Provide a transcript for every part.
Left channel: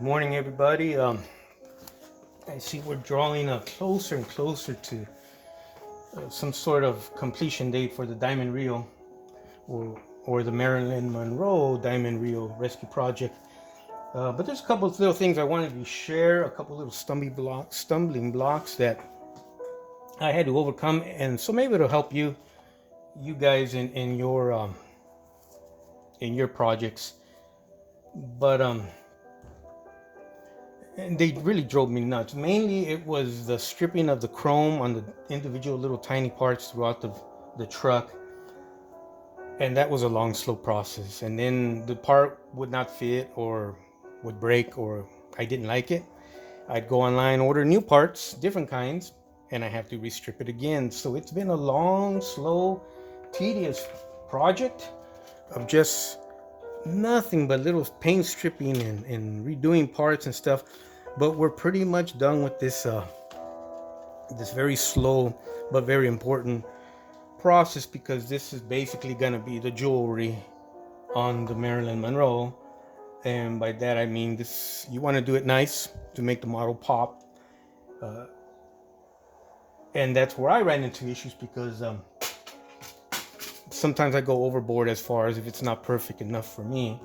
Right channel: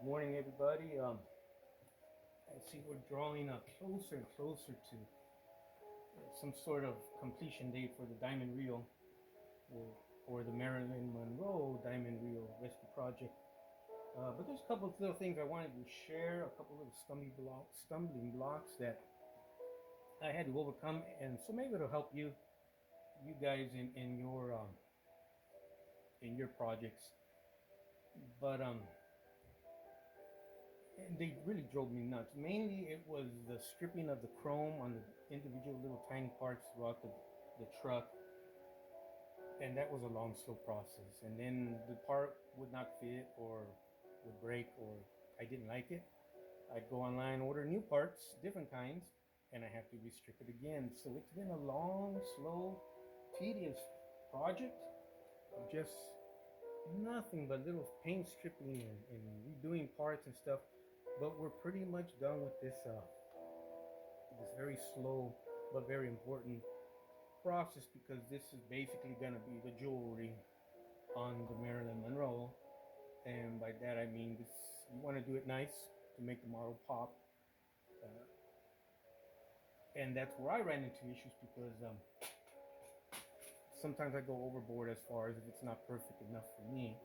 Morning, everybody. I see we're drawing closer and closer to some sort of completion date for the Diamond Reo or the Marilyn Monroe Diamond Reo Rescue Project. But there's a couple of little things I wanted to share, a couple little stumbling blocks that I had to overcome, and so maybe it'll help you guys in your projects. But and they really drove me nuts. Mainly, it was the stripping of the chrome on the individual little tiny parts throughout the truck, and that was a long, slow process. And then the part would not fit or would break, or I didn't like it. I'd go online, order new parts, different kinds, and I have to restrip it again. So it's been a long, slow, tedious project of just nothing but little paint stripping and redoing parts and stuff. But we're pretty much done with this very slow but very important process, because this is basically going to be the jewelry on the Marilyn Monroe. And by that I mean, this, you want to do it nice to make the model pop. And that's where I ran into issues, because sometimes I go overboard as far as, if it's not perfect enough for me,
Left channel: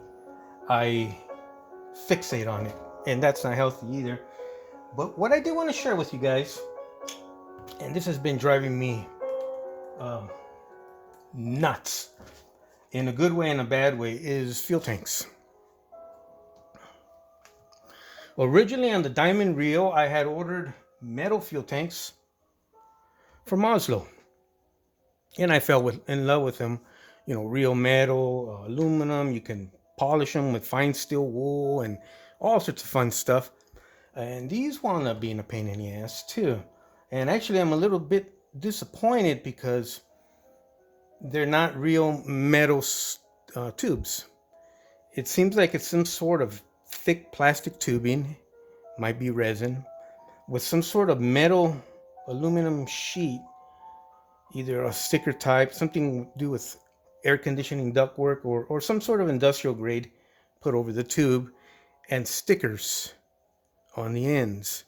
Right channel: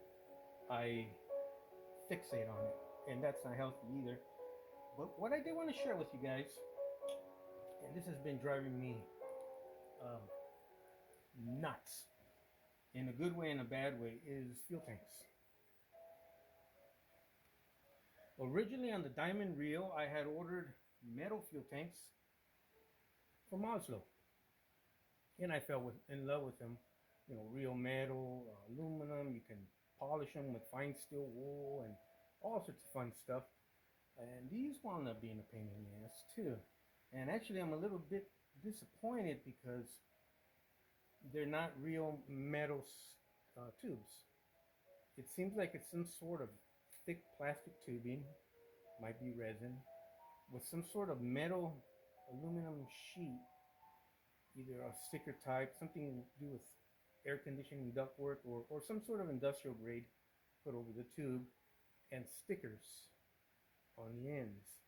I fixate on it, and that's not healthy either. But what I do want to share with you guys, and this has been driving me um, nuts in a good way and a bad way, is fuel tanks. Originally on the Diamond Reo, I had ordered metal fuel tanks from Oslo, and I fell in love with them. You know, real metal, aluminum. You can polish them with fine steel wool and all sorts of fun stuff. And these wound up being a pain in the ass too. And actually, I'm a little bit disappointed because they're not real metal tubes. It seems like it's some sort of thick plastic tubing, might be resin, with some sort of metal aluminum sheet, either a sticker type, something to do with air conditioning ductwork, or some sort of industrial grade put over the tube, and stickers on the ends.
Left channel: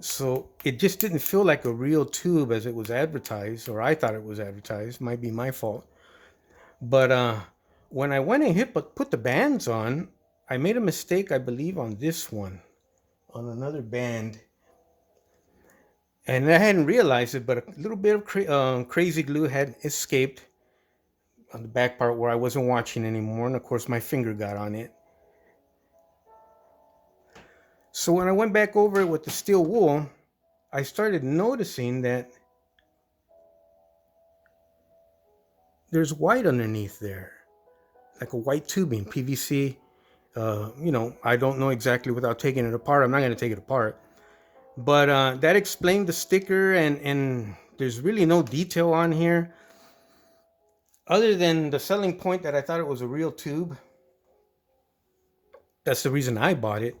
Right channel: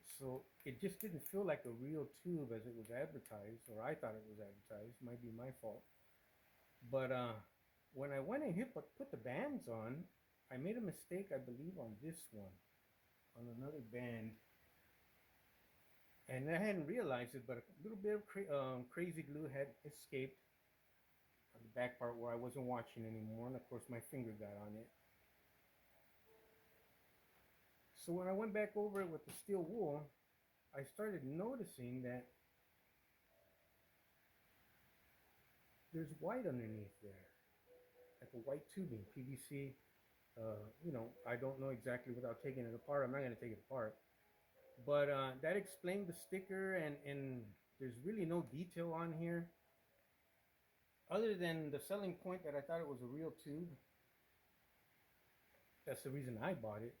So it just didn't feel like a real tube as it was advertised, or I thought it was advertised. Might be my fault. But when I went and put the bands on, I made a mistake, I believe, on this one, on another band. And I hadn't realized it, but a little bit of crazy glue had escaped on the back part where I wasn't watching anymore. And of course, my finger got on it. So when I went back over it with the steel wool, I started noticing that there's white underneath there, like a white tubing, PVC. I don't know exactly without taking it apart. I'm not going to take it apart. But that explained the sticker, and there's really no detail on here other than the selling point that I thought it was a real tube. That's the reason I bought it.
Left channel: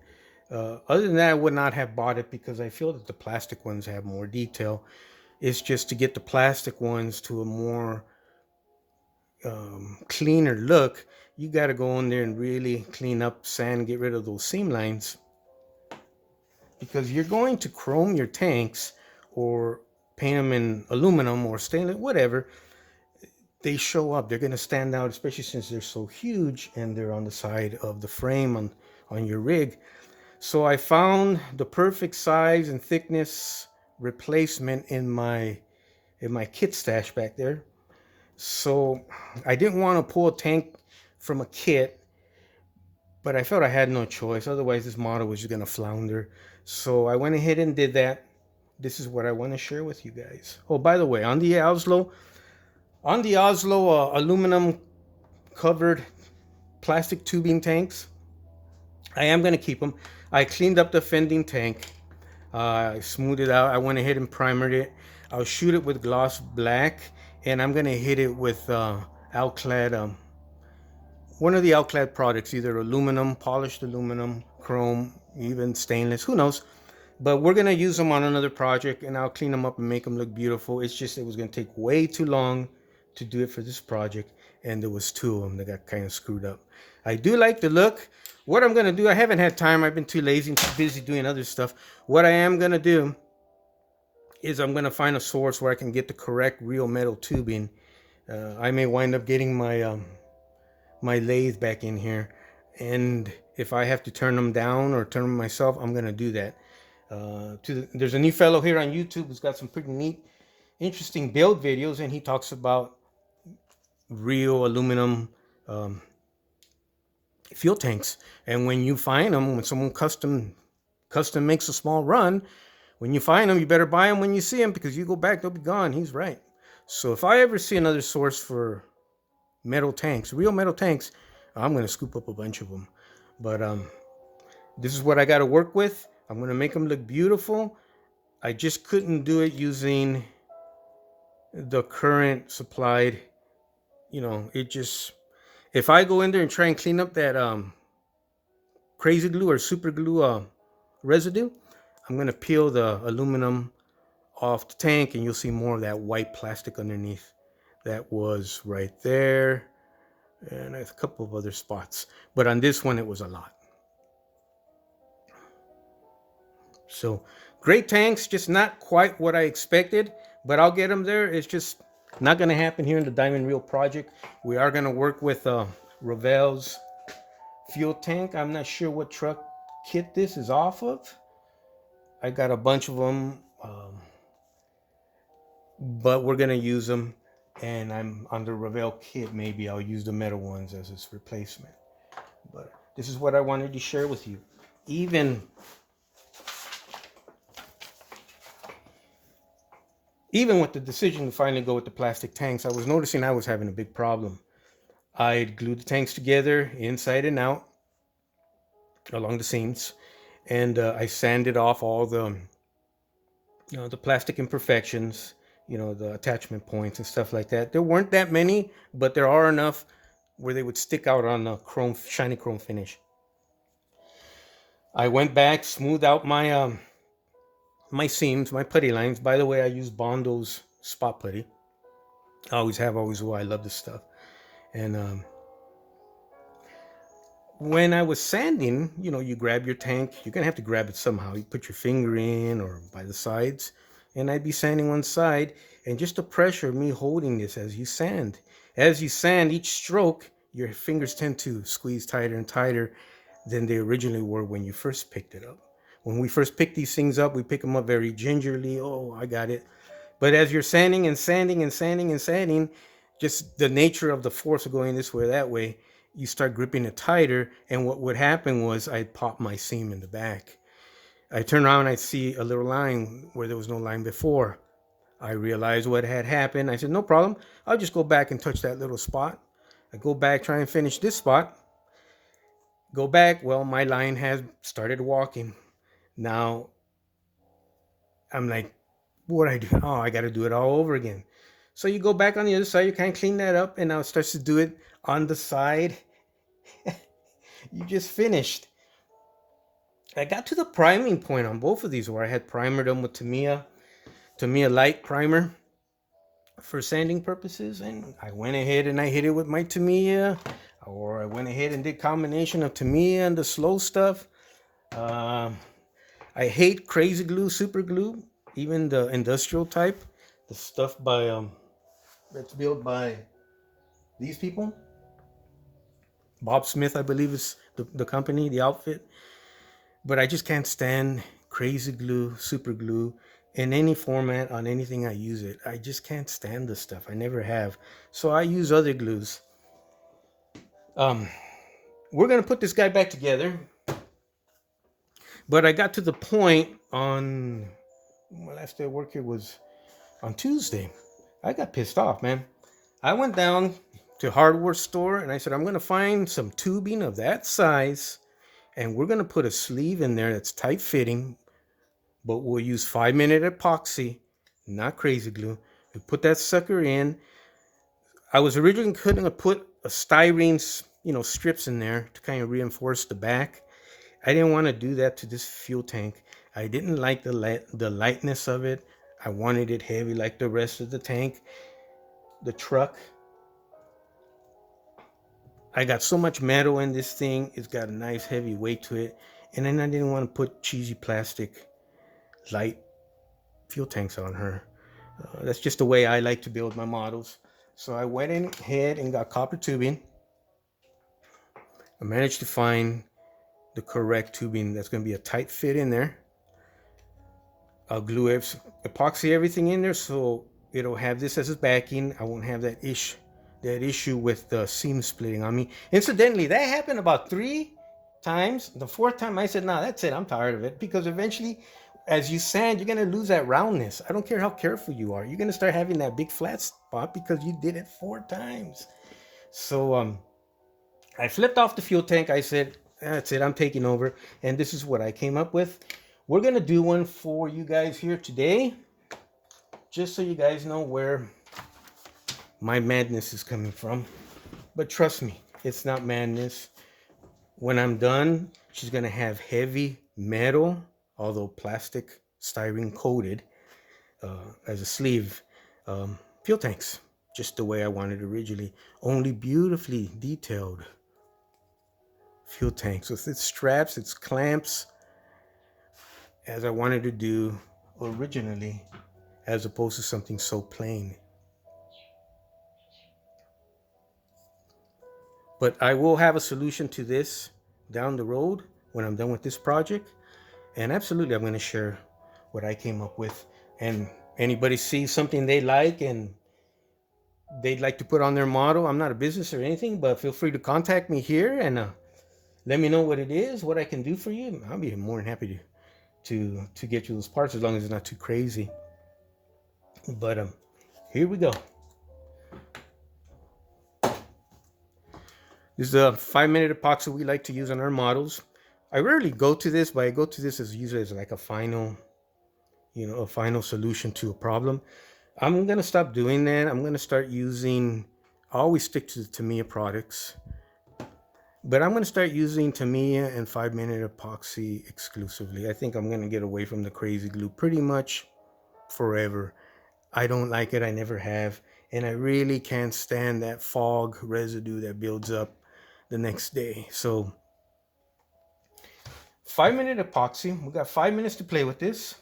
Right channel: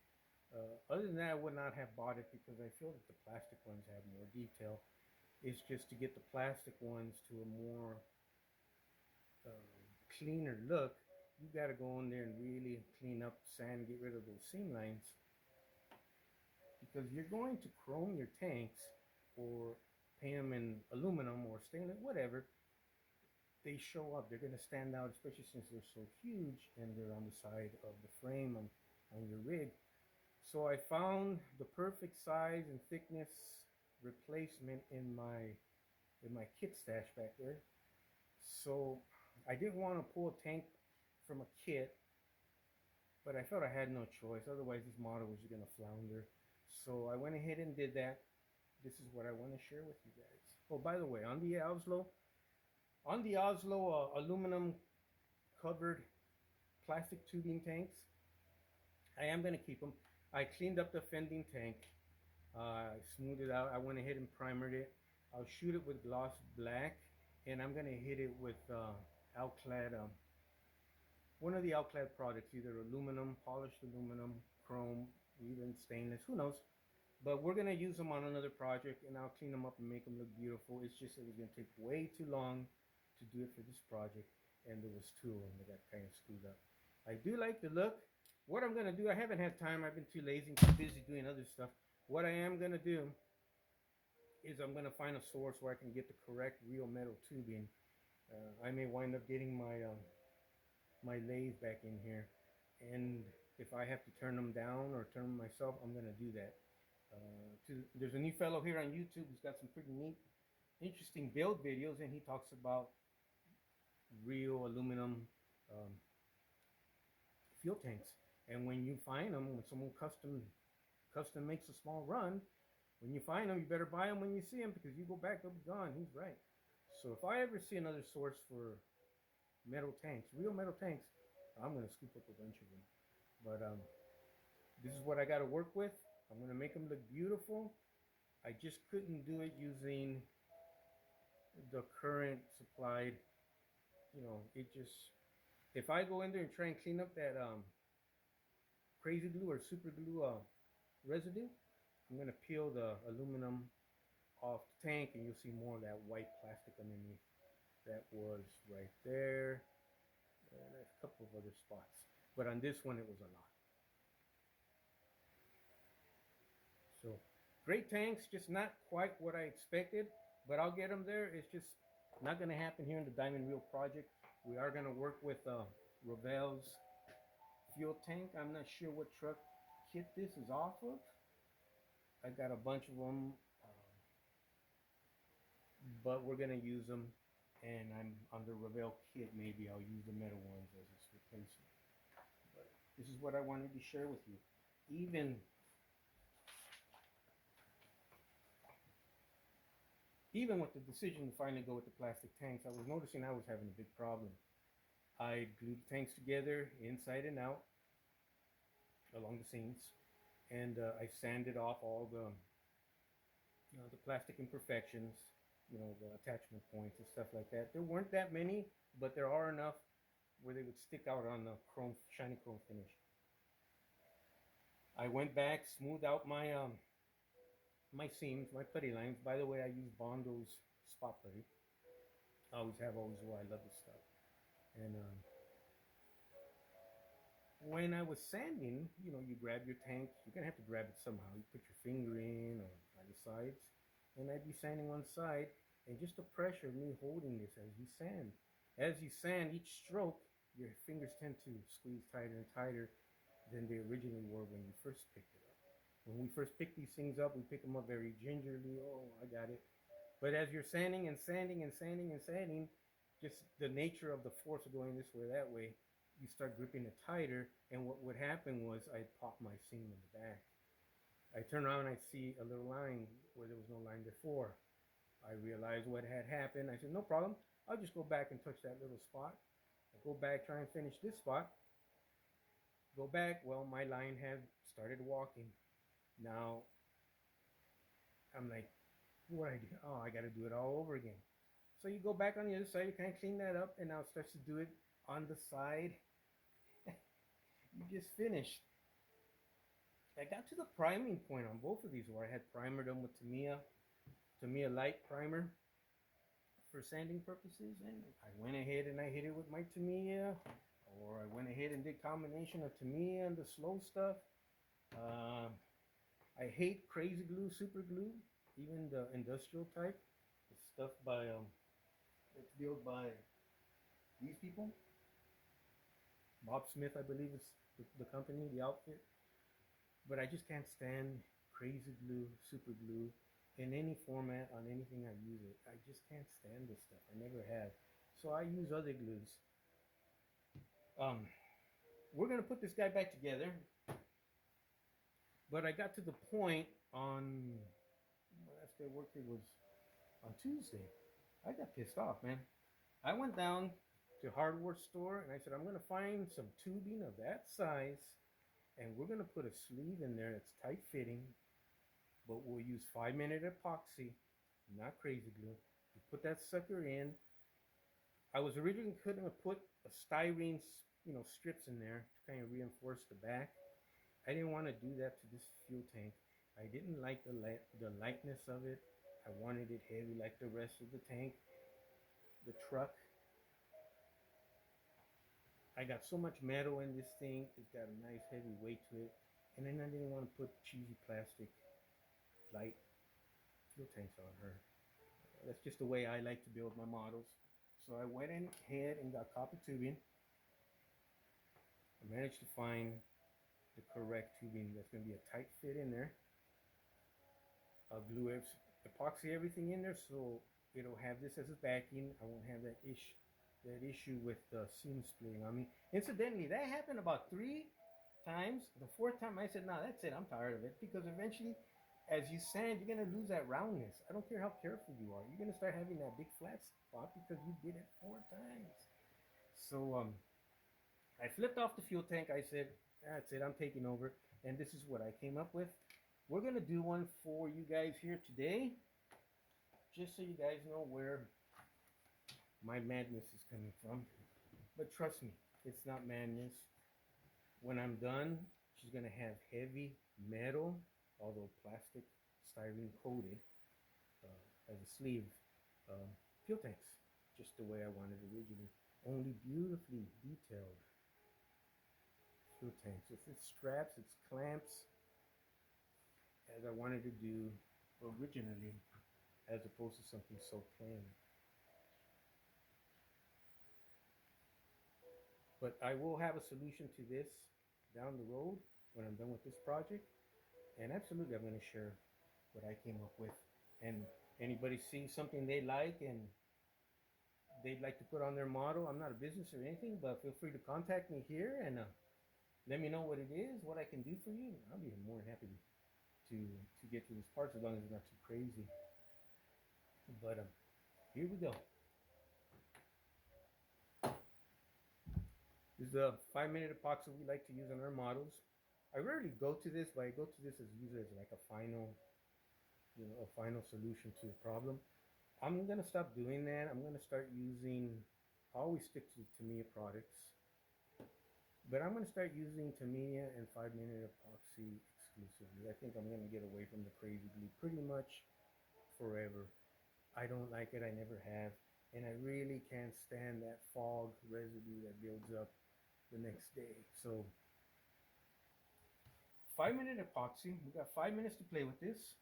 Other than that, I would not have bought it, because I feel that the plastic ones have more detail. It's just to get the plastic ones to a more cleaner look, you got to go in there and really clean up, sand, get rid of those seam lines, because you're going to chrome your tanks or paint them in aluminum or stainless, whatever. They show up, they're going to stand out, especially since they're so huge and they're on the side of the frame on your rig. So I found the perfect size and thickness replacement in my kit stash back there. So I didn't want to pull a tank from a kit, but I felt I had no choice. Otherwise, this model was just going to flounder. So I went ahead and did that. This is what I want to share with you guys. Oh, by the way, on the Oslo aluminum covered plastic tubing tanks, I am going to keep them. I cleaned up the fending tank. I smoothed it out. I went ahead and primered it. I'll shoot it with gloss black, and I'm going to hit it with Alclad, one of the Alclad products, either aluminum, polished aluminum, chrome, even stainless, who knows. But we're going to use them on another project, and I'll clean them up and make them look beautiful. It's just, it was going to take way too long to do it for this project, and there was two of them that got kind of screwed up. I do like the look. what I'm gonna do, I haven't had time. I've been too lazy and too busy doing other stuff. What I am gonna do is I'm gonna find a source where I can get the correct real metal tubing. I may wind up getting my lathe back in here, and if I have to turn them down or turn them myself, I'm gonna do that. There's a new fellow here on YouTube who's got some pretty neat, interesting build videos, and he talks about real aluminum um, fuel tanks. And when you find them, when someone custom makes a small run, when you find them, you better buy them when you see them, because you go back, they'll be gone. He's right. So if I ever see another source for metal tanks, real metal tanks, I'm gonna scoop up a bunch of them. But this is what I got to work with. I'm gonna make them look beautiful. I just couldn't do it using the current supplied. It just, if I go in there and try and clean up that crazy glue or super glue residue, I'm gonna peel the aluminum off the tank, and you'll see more of that white plastic underneath. That was right there, and a couple of other spots. But on this one, it was a lot. So great tanks, just not quite what I expected, but I'll get them there. It's just not going to happen here in the Diamond Reo project. We are going to work with Ravel's fuel tank. I'm not sure what truck kit this is off of. I got a bunch of them, but we're going to use them. And I'm on the Ravel kit. Maybe I'll use the metal ones as its replacement. But this is what I wanted to share with you. Even with the decision to finally go with the plastic tanks, I was noticing I was having a big problem. I'd glued the tanks together inside and out along the seams, and I sanded off all the plastic imperfections, the attachment points and stuff like that. There weren't that many, but there are enough where they would stick out on the shiny chrome finish. I went back, smoothed out my seams, my putty lines. By the way, I use Bondo's spot putty. I always have, always will. I love this stuff. And when I was sanding, you grab your tank. You're going to have to grab it somehow. You put your finger in or by the sides. And I'd be sanding one side. And just the pressure of me holding this as you sand. As you sand, each stroke, your fingers tend to squeeze tighter and tighter than they originally were when you first picked it up. When we first pick these things up, we pick them up very gingerly. Oh, I got it. But as you're sanding and sanding and sanding and sanding, just the nature of the force of going this way or that way, you start gripping it tighter. And what would happen was I'd pop my seam in the back. I turn around and I see a little line where there was no line before. I realized what had happened. I said, no problem. I'll just go back and touch that little spot. I go back, try and finish this spot. Go back. Well, my line has started walking. Now, I'm like, what I do? Oh, I got to do it all over again. So you go back on the other side, you kind of clean that up, and now it starts to do it on the side. You just finished. I got to the priming point on both of these where I had primered them with Tamiya light primer for sanding purposes, and I went ahead and I hit it with my Tamiya, or I went ahead and did combination of Tamiya and the slow stuff. I hate crazy glue, super glue, even the industrial type, the stuff that's built by these people. Bob Smith, I believe, is the company, the outfit. But I just can't stand crazy glue, super glue in any format on anything I use it. I just can't stand this stuff. I never have. So I use other glues. We're gonna put this guy back together. But I got to the point on my last day of work here was on Tuesday. I got pissed off, man. I went down to a hardware store and I said, I'm gonna find some tubing of that size, and we're gonna put a sleeve in there that's tight fitting, but we'll use 5-minute epoxy, not crazy glue. We put that sucker in. I was originally going to put a styrene, strips in there to kind of reinforce the back. I didn't want to do that to this fuel tank. I didn't like the lightness of it. I wanted it heavy like the rest of the tank, the truck. I got so much metal in this thing. It's got a nice heavy weight to it. And then I didn't want to put cheesy plastic light fuel tanks on her. That's just the way I like to build my models. So I went in ahead and got copper tubing. I managed to find the correct tubing that's going to be a tight fit in there. I'll glue epoxy everything in there so it'll have this as its backing. I won't have that issue with the seam splitting on me. Incidentally, that happened about 3 times. The fourth time I said, "No, that's it. I'm tired of it." Because eventually, as you sand, you're gonna lose that roundness. I don't care how careful you are. You're gonna start having that big flat spot because you did it 4 times. So I flipped off the fuel tank. I said, "That's it. I'm taking over." And this is what I came up with. We're gonna do one for you guys here today, just so you guys know where my madness is coming from. But trust me, it's not madness. When I'm done, she's gonna have heavy metal, although plastic styrene coated, as a sleeve, fuel tanks, just the way I wanted originally. Only beautifully detailed fuel tanks with its straps, its clamps, as I wanted to do originally, as opposed to something so plain. But I will have a solution to this down the road when I'm done with this project. And absolutely, I'm going to share what I came up with. And anybody sees something they like and they'd like to put on their model, I'm not a business or anything, but feel free to contact me here and let me know what it is, what I can do for you. I'll be more than happy to get you those parts as long as it's not too crazy. But here we go. This is a 5-minute epoxy we like to use on our models. I rarely go to this, but I go to this as usually as like a final solution to a problem. I'm gonna stop doing that. I'm gonna start using. I always stick to the Tamiya products, but I'm gonna start using Tamiya and 5-minute epoxy exclusively. I think I'm gonna get away from the crazy glue pretty much forever. I don't like it. I never have, and I really can't stand that fog residue that builds up the next day. So 5-minute epoxy. We got 5 minutes to play with this.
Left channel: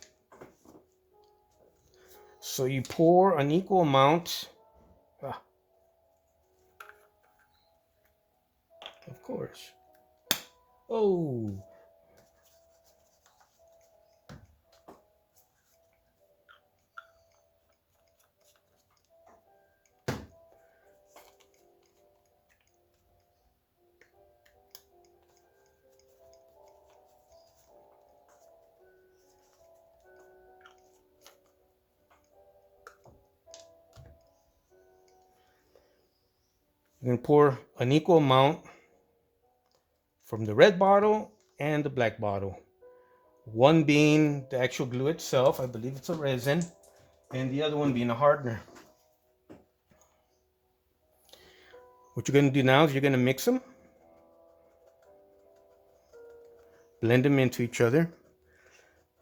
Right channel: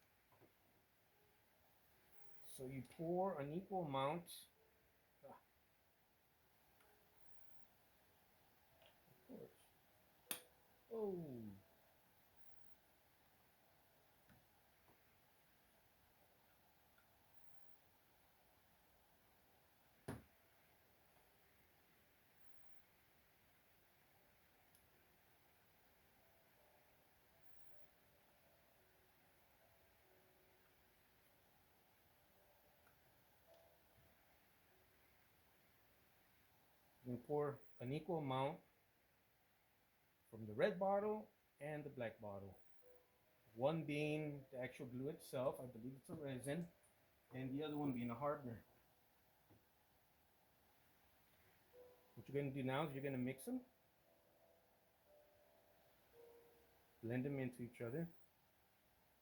So you pour an equal amount. Of course. Oh. You're gonna pour an equal amount from the red bottle and the black bottle. One being the actual glue itself, I believe it's a resin, and the other one being a hardener. What you're gonna do now is you're gonna mix them, blend them into each other.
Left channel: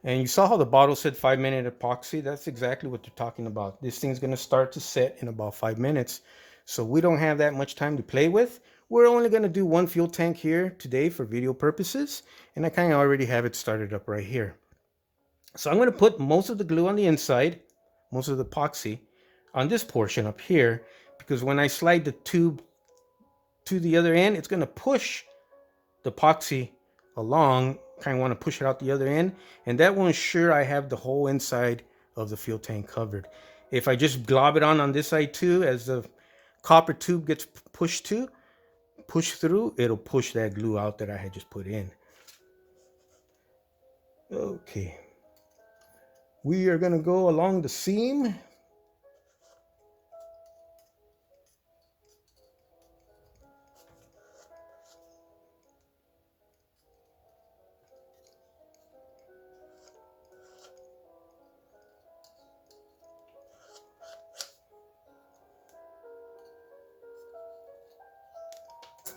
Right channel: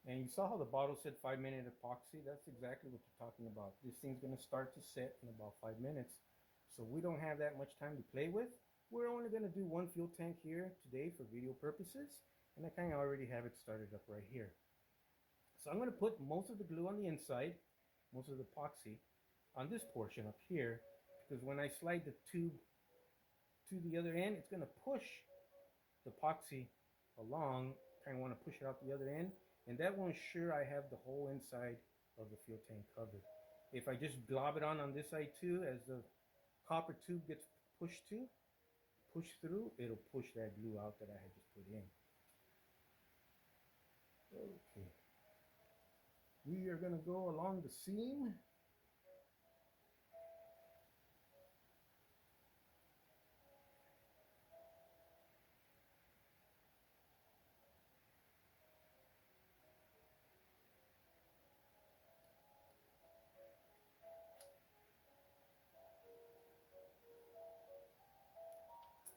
And you saw how the bottle said 5-minute epoxy. That's exactly what they're talking about. This thing's gonna start to set in about 5 minutes. So we don't have that much time to play with. We're only gonna do one fuel tank here today for video purposes. And I kind of already have it started up right here. So I'm gonna put most of the glue on the inside, most of the epoxy on this portion up here, because when I slide the tube to the other end, it's gonna push the epoxy along. Kind of want to push it out the other end, and that will ensure I have the whole inside of the fuel tank covered. If I just glob it on this side too, as the copper tube gets pushed through, it'll push that glue out that I had just put in. Okay, we are gonna go along the seam.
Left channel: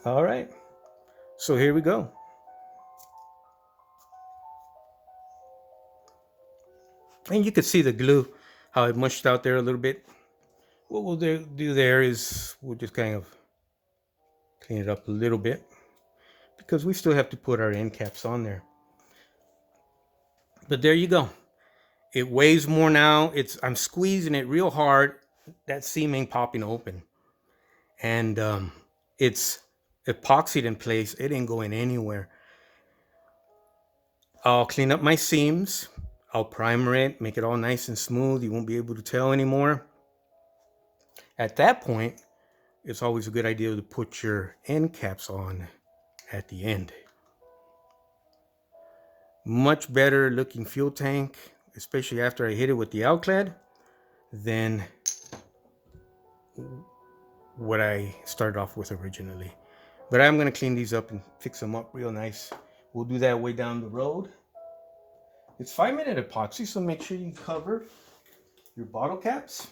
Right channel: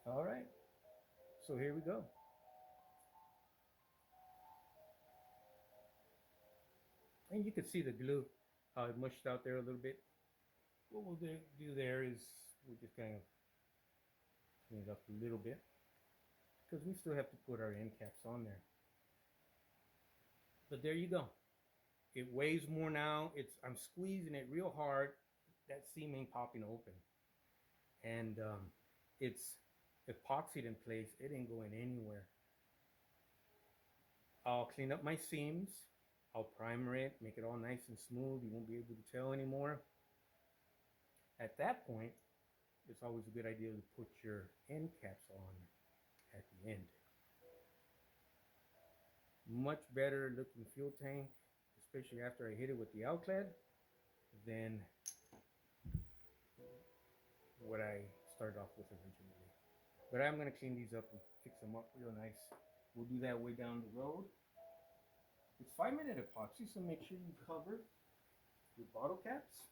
All right, so here we go. And you can see the glue, how it mushed out there a little bit. What we'll do there is we'll just kind of Clean it up a little bit because we still have to put our end caps on there. But there you go. It weighs more now. I'm squeezing it real hard. That seam ain't popping open. And it's epoxied in place. It ain't going anywhere. I'll clean up my seams. I'll primer it, make it all nice and smooth. You won't be able to tell anymore. At that point, it's always a good idea to put your end caps on at the end. Much better looking fuel tank, especially after I hit it with the Alclad, than what I started off with originally. But I'm going to clean these up and fix them up real nice. We'll do that way down the road. It's 5-minute epoxy, so make sure you cover your bottle caps.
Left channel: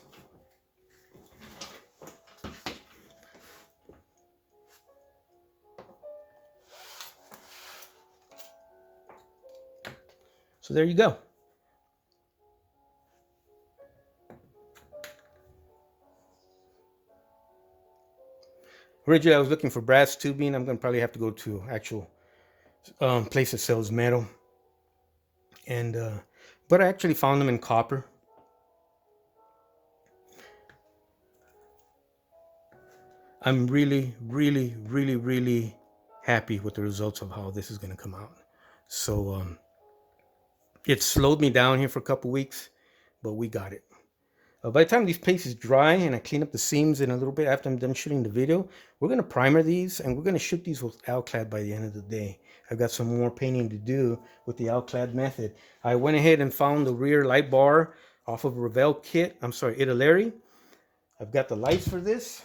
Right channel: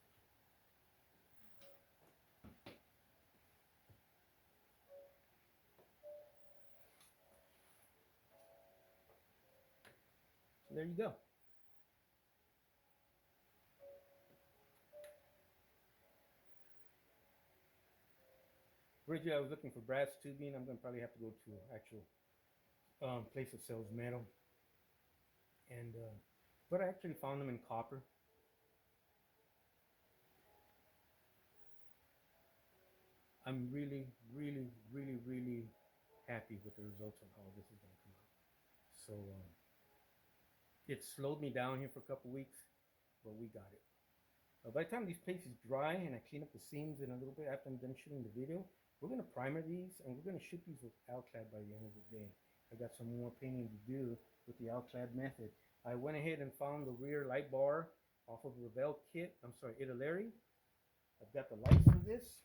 So there you go. Originally, I was looking for brass tubing. I'm going to probably have to go to actual place that sells metal. And but I actually found them in copper. I'm really, really, really, really happy with the results of how this is going to come out. So it slowed me down here for a couple weeks, but we got it. By the time these paste is dry and I clean up the seams in a little bit after I'm done shooting the video, we're going to primer these and we're going to shoot these with Alclad by the end of the day. I've got some more painting to do with the Alclad method. I went ahead and found the rear light bar off of Revell kit. I'm sorry, Italeri. I've got the lights for this.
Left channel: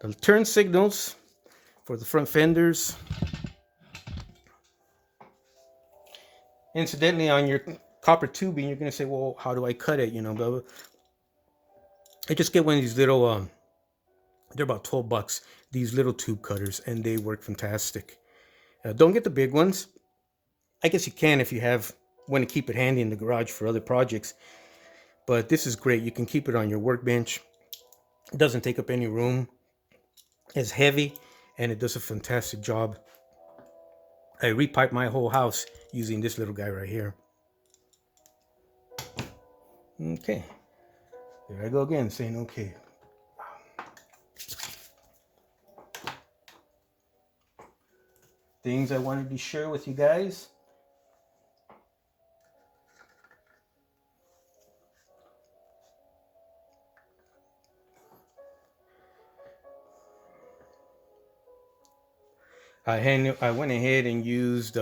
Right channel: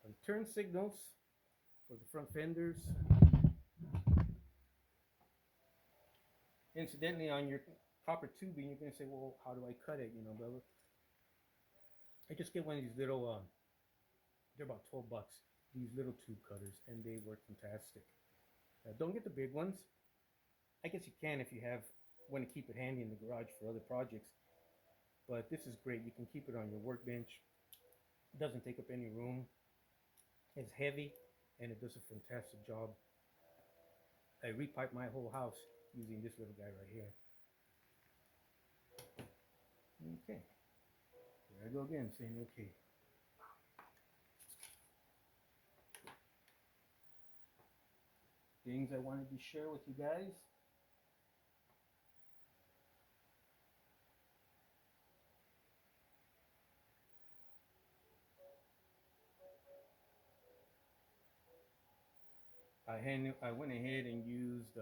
The turn signals for the front fenders. Incidentally, on your copper tubing, you're going to say, well, how do I cut it? You know, blah, blah. I just get one of these little, they're about $12, these little tube cutters, and they work fantastic. Don't get the big ones. I guess you can if you want to keep it handy in the garage for other projects. But this is great. You can keep it on your workbench. It doesn't take up any room. It's heavy, and it does a fantastic job. I repiped my whole house using this little guy right here. Okay. There I go again, saying okay. Things I wanted to share with you guys. I went ahead and used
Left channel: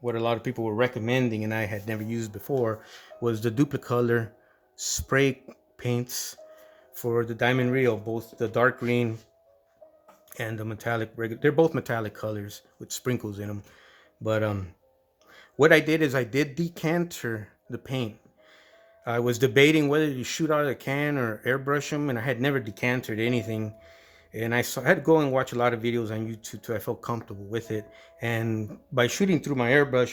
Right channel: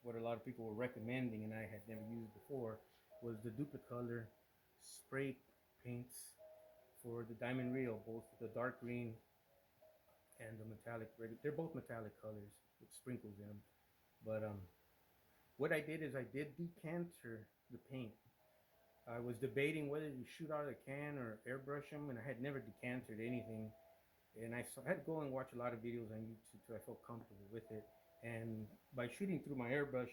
what a lot of people were recommending and I had never used before was the Duplicolor spray paints for the Diamond Reo, both the dark green and the metallic. They're both metallic colors with sprinkles in them. But what I did is I did decanter the paint. I was debating whether to shoot out of the can or airbrush them, and I had never decanted anything. And I had to go and watch a lot of videos on YouTube till I felt comfortable with it. And by shooting through my airbrush,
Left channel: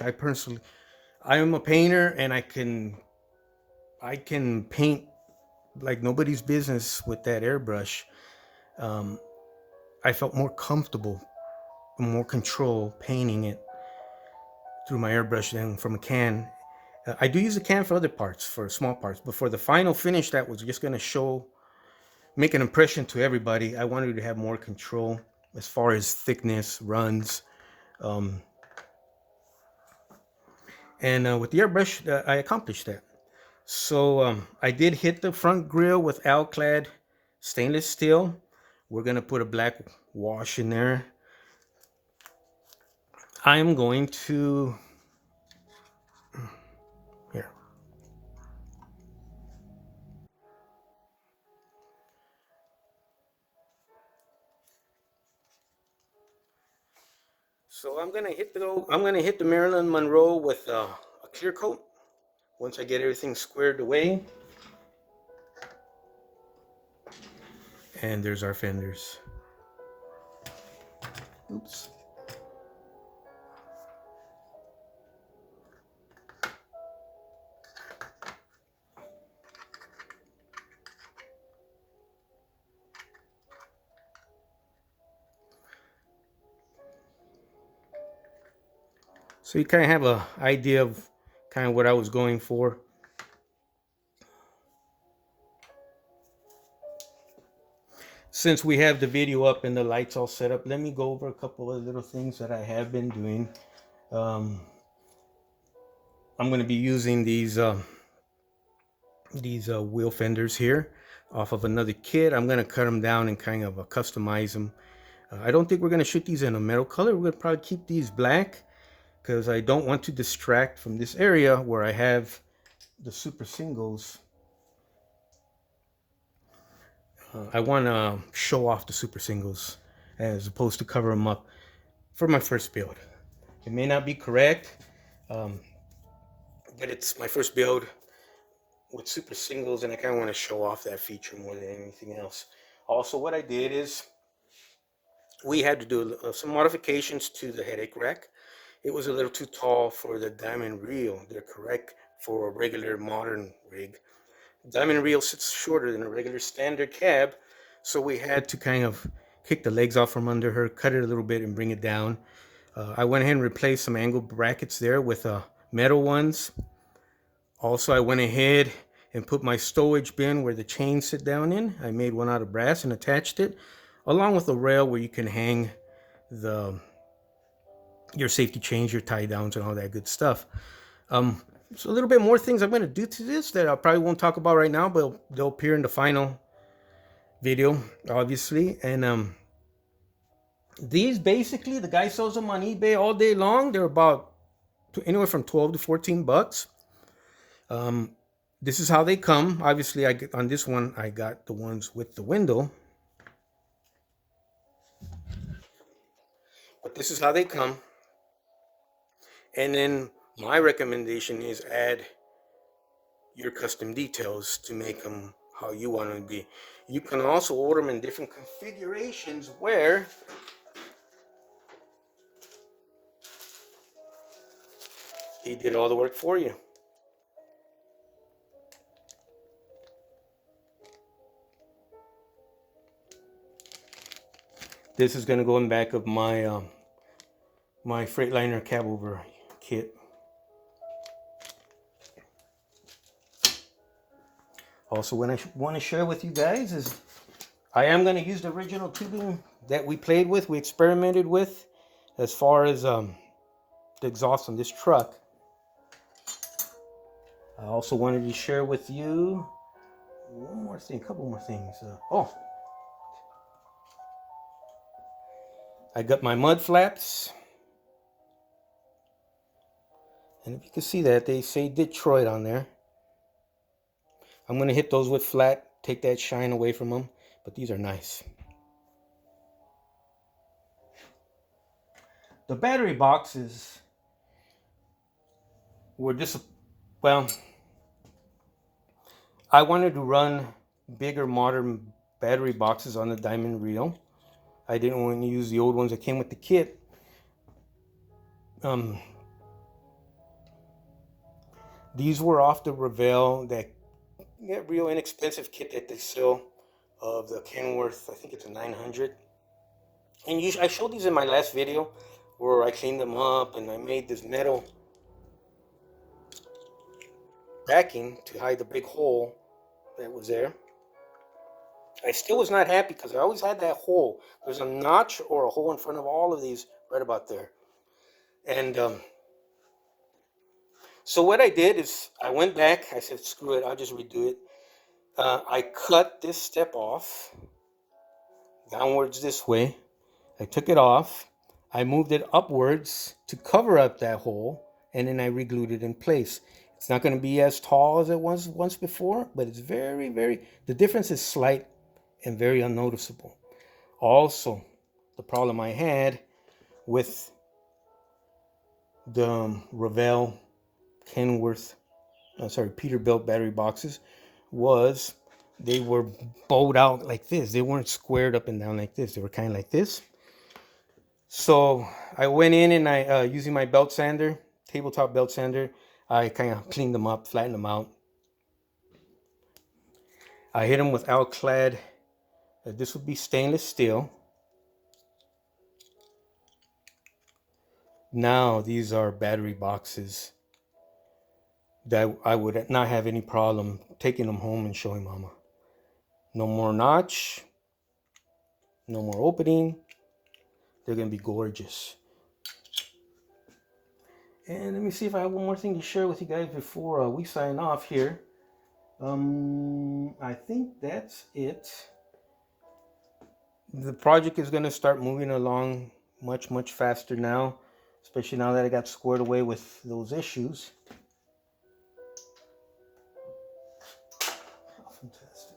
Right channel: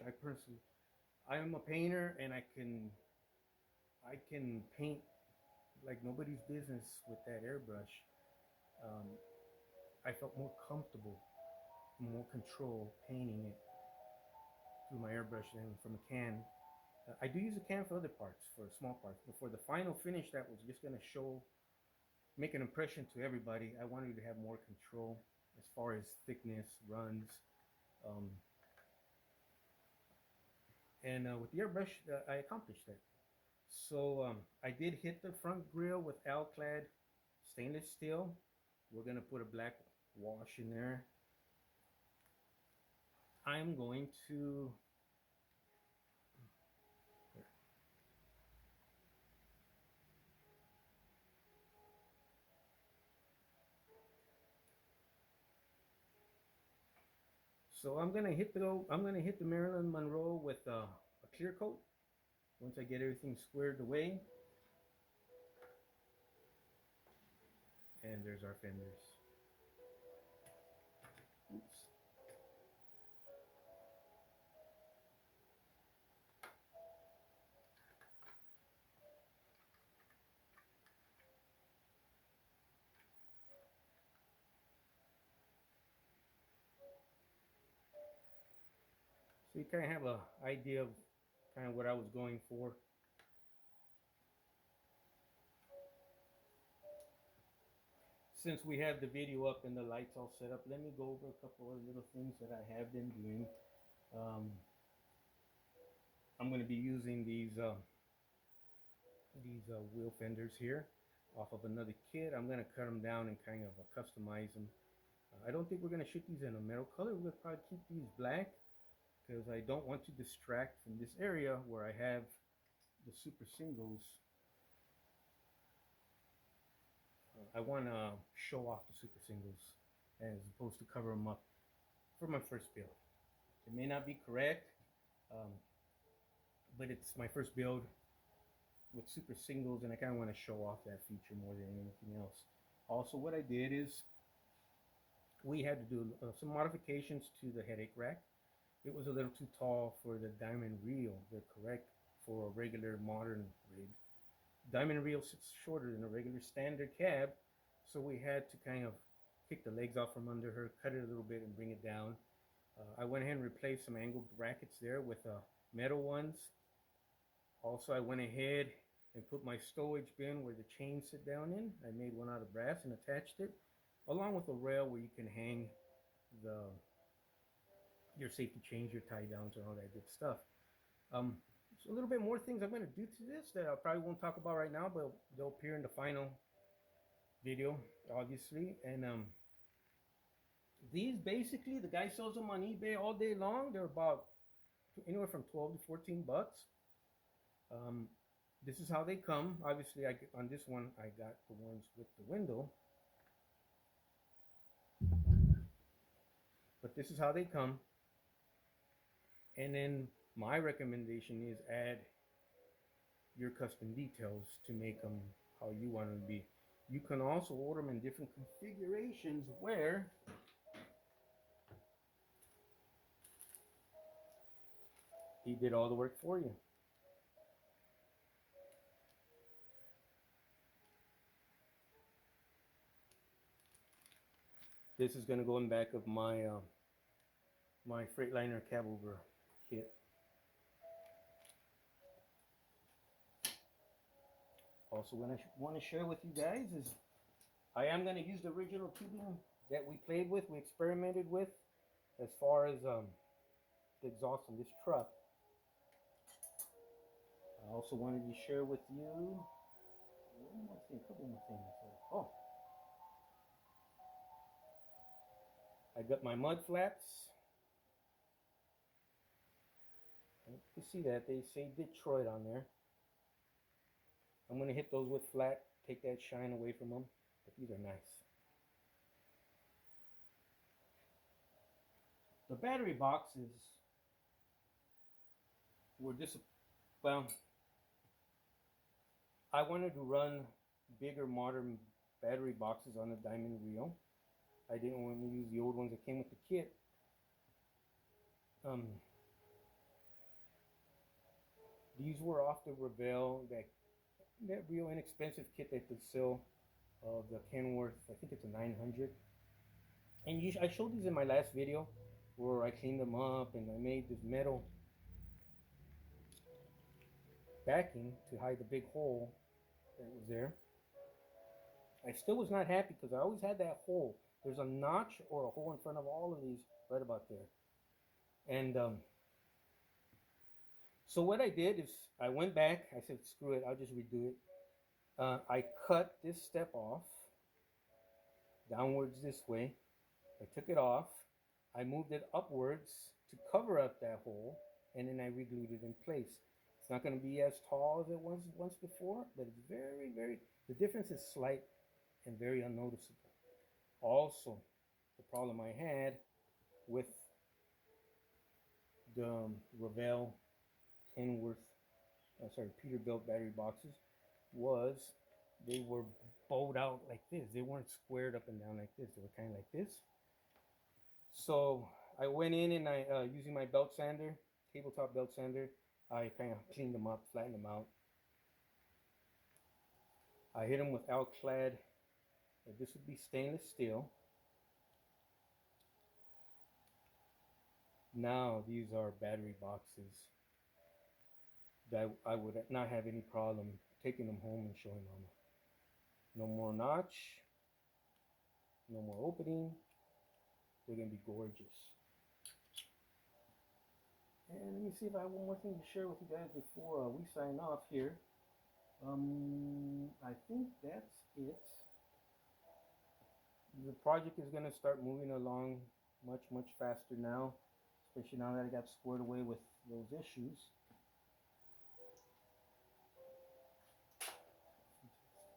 I am a painter, and I can paint like nobody's business with that airbrush. I felt more comfortable, more control painting it through my airbrush than from a can. I do use a can for other parts, for small parts, but for the final finish that was just going to make an impression to everybody, I wanted to have more control as far as thickness, runs. And with the airbrush, I accomplished that. So I did hit the front grille with Alclad stainless steel. We're going to put a black wash in there. I'm going to... Here. So I'm gonna hit the Marilyn Monroe with a clear coat once I get everything squared away. And there's our fenders. Oops. So you kind of have an idea of kind of what I was going for. Since we have the video up and the lights all set up, let me go over a couple of little things that I have been doing. I'm going to be using these wheel fenders here off of another kit. I'm going to cut them down and kind of customize them. I don't think we're going to shoot these in a metal color. We're going to probably keep these black because I don't want to distract from this area where I have the super singles. I want to show off the super singles as opposed to cover them up for my first build. It may not be correct, but it's my first build with super singles, and I kind of want to show off that feature more than anything else. Also, what I did is we had to do some modifications to the headache rack. It was a little too tall for the Diamond Reo. They're correct for a regular modern rig. Diamond Reo sits shorter than a regular standard cab, so we had to kind of kick the legs off from under her, cut it a little bit, and bring it down. I went ahead and replaced some angle brackets there with metal ones. Also, I went ahead and put my stowage bin where the chains sit down in. I made one out of brass and attached it, along with a rail where you can hang your safety chains, your tie downs, and all that good stuff. So a little bit more things I'm going to do to this that I probably won't talk about right now, but they'll appear in the final video, obviously. And these basically, the guy sells them on eBay all day long. They're about anywhere from 12 to 14 bucks. This is how they come. Obviously, on this one, I got the ones with the window. But this is how they come. And then my recommendation is add your custom details to make them how you want them to be. You can also order them in different configurations where he did all the work for you. This is going to go in back of my my Freightliner cab over kit. Also, what I want to share with you guys is I am going to use the original tubing that we played with, we experimented with, as far as the exhaust on this truck. I also wanted to share with you one more thing, a couple more things. I got my mud flaps. And if you can see that, they say Detroit on there. I'm going to hit those with flat, take that shine away from them. But these are nice. The battery boxes were well, I wanted to run bigger modern battery boxes on the Diamond Reo. I didn't want to use the old ones that came with the kit. These were off the Revell, that real inexpensive kit that they sell of the Kenworth. I think it's a 900. And I showed these in my last video where I cleaned them up and I made this metal backing to hide the big hole that was there. I still was not happy because I always had that hole. There's a notch or a hole in front of all of these right about there. And so what I did is I went back. I said, screw it, I'll just redo it. I cut this step off downwards this way. I took it off. I moved it upwards to cover up that hole, and then I re-glued it in place. It's not going to be as tall as it was once before, but it's the difference is slight and very unnoticeable. Also, the problem I had with the Revell Kenworth, Peterbilt battery boxes was they were bowed out like this. They weren't squared up and down like this. They were kind of like this. So I went in and I, using my belt sander, tabletop belt sander, I kind of cleaned them up, flattened them out. I hit them with Alclad. This would be stainless steel. Now these are battery boxes that I would not have any problem taking them home and showing mama. No more notch, no more opening. They're gonna be gorgeous. And let me see if I have one more thing to share with you guys before we sign off here. I think that's it. The project is gonna start moving along much faster now, especially now that I got squared away with those issues. Fantastic.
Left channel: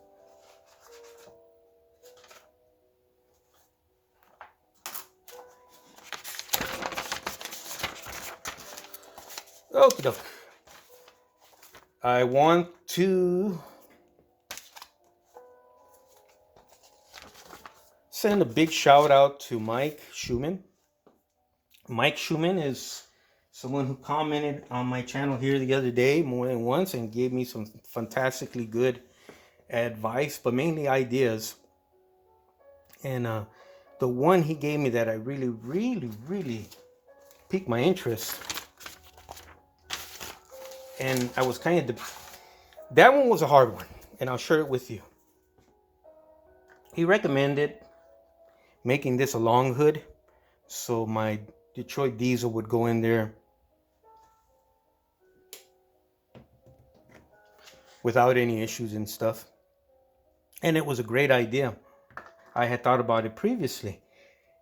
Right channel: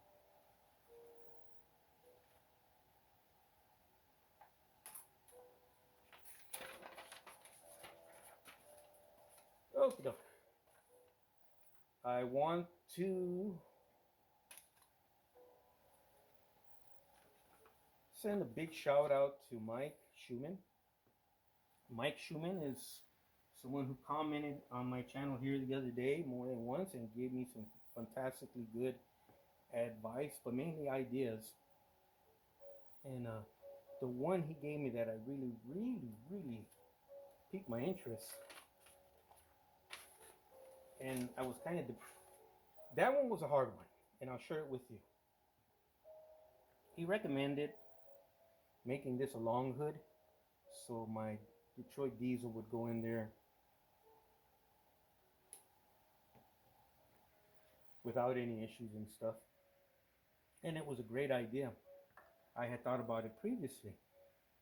Okie doke. I want to send a big shout out to Mike Schumann. Mike Schumann is someone who commented on my channel here the other day more than once and gave me some fantastically good advice, but mainly ideas. And the one he gave me that I really piqued my interest, and I was kind of that one was a hard one, and I'll share it with you. He recommended making this a long hood, so my Detroit diesel would go in there without any issues and stuff. And it was a great idea. I had thought about it previously.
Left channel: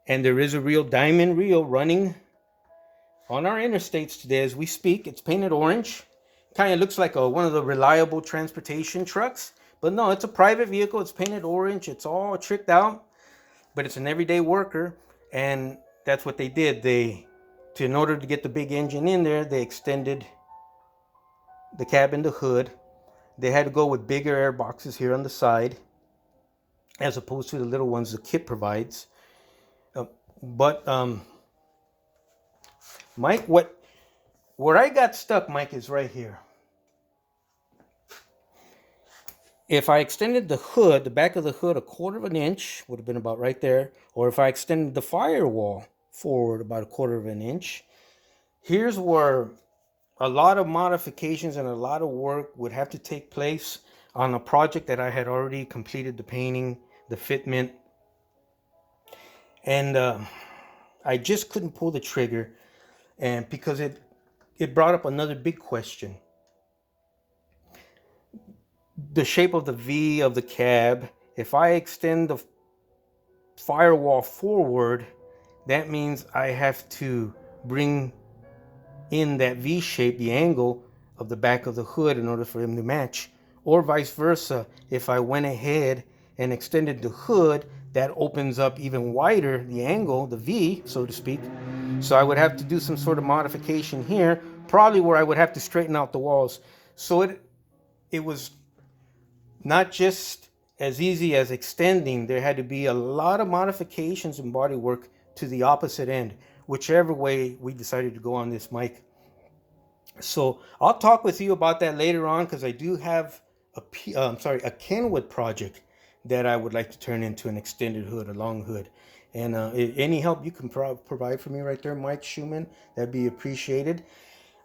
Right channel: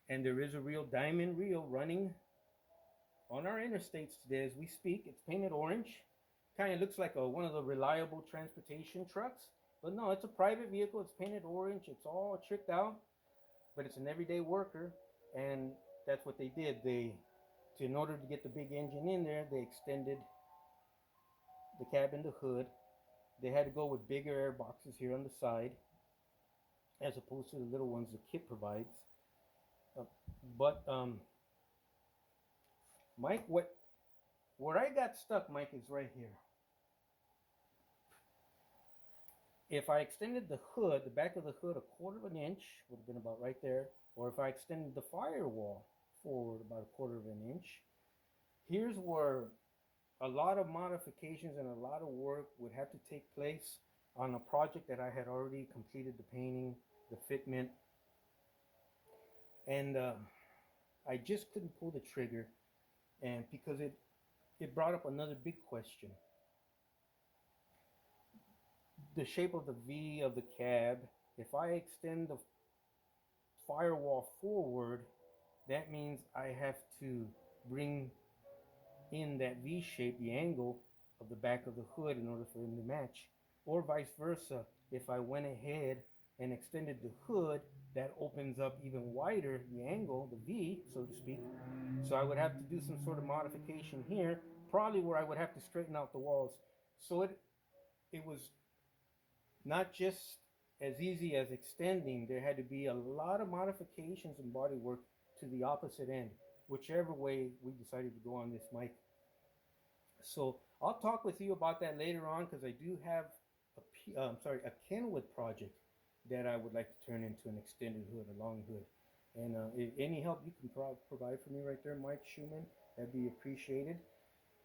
And there is a real Diamond Reo running on our interstates today as we speak. It's painted orange. Kind of looks like one of the reliable transportation trucks. But no, it's a private vehicle. It's painted orange. It's all tricked out. But it's an everyday worker. And that's what they did. In order to get the big engine in there, they extended the cabin, the hood. They had to go with bigger air boxes here on the side, as opposed to the little ones the kit provides. But Mike, where I got stuck, Mike, is right here. If I extended the hood, the back of the hood, 1/4 of an inch, would have been about right there. Or if I extended the firewall forward about 1/4 of an inch, here's where a lot of modifications and a lot of work would have to take place on a project that I had already completed the painting, the fitment. And I just couldn't pull the trigger, and because it brought up another big question. The shape of the V of the cab, if I extend the firewall forward, that means I have to bring in that V shape, the angle of the back of the hood, in order for them to match. Or vice versa, if I went ahead and extended the hood, that opens up even wider the angle, the V, so to speak. So I would have to do some sort of modification here, probably where I would have to straighten out the walls. So it was not just as easy as extending. There had to be a lot of modifications and body work to the opposite end, whichever way we decided to go on this, Mike. So I'll talk with you about that later on, because I do have a Kenwood project that I would like to turn into an extended hood, a long hood. And any help you can provide for me right there, Mike Schumann, that'd be appreciated.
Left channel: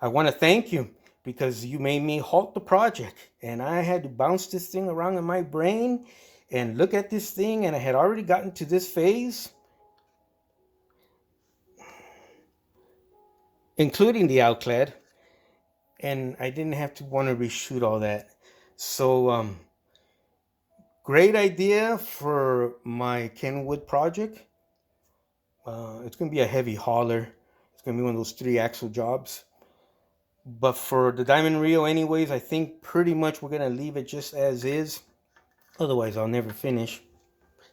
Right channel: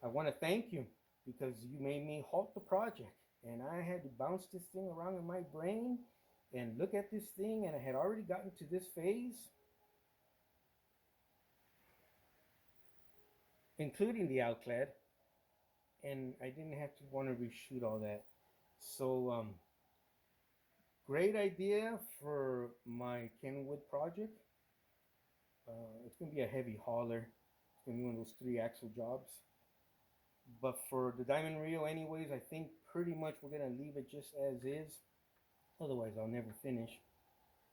I want to thank you, because you made me halt the project, and I had to bounce this thing around in my brain and look at this thing, and I had already gotten to this phase, including the outclad, and I didn't have to want to reshoot all that. So great idea for my Kenwood project. It's going to be a heavy hauler. It's going to be one of those 3-axle jobs. But for the Diamond Reo anyways, I think pretty much we're going to leave it just as is. Otherwise, I'll never finish.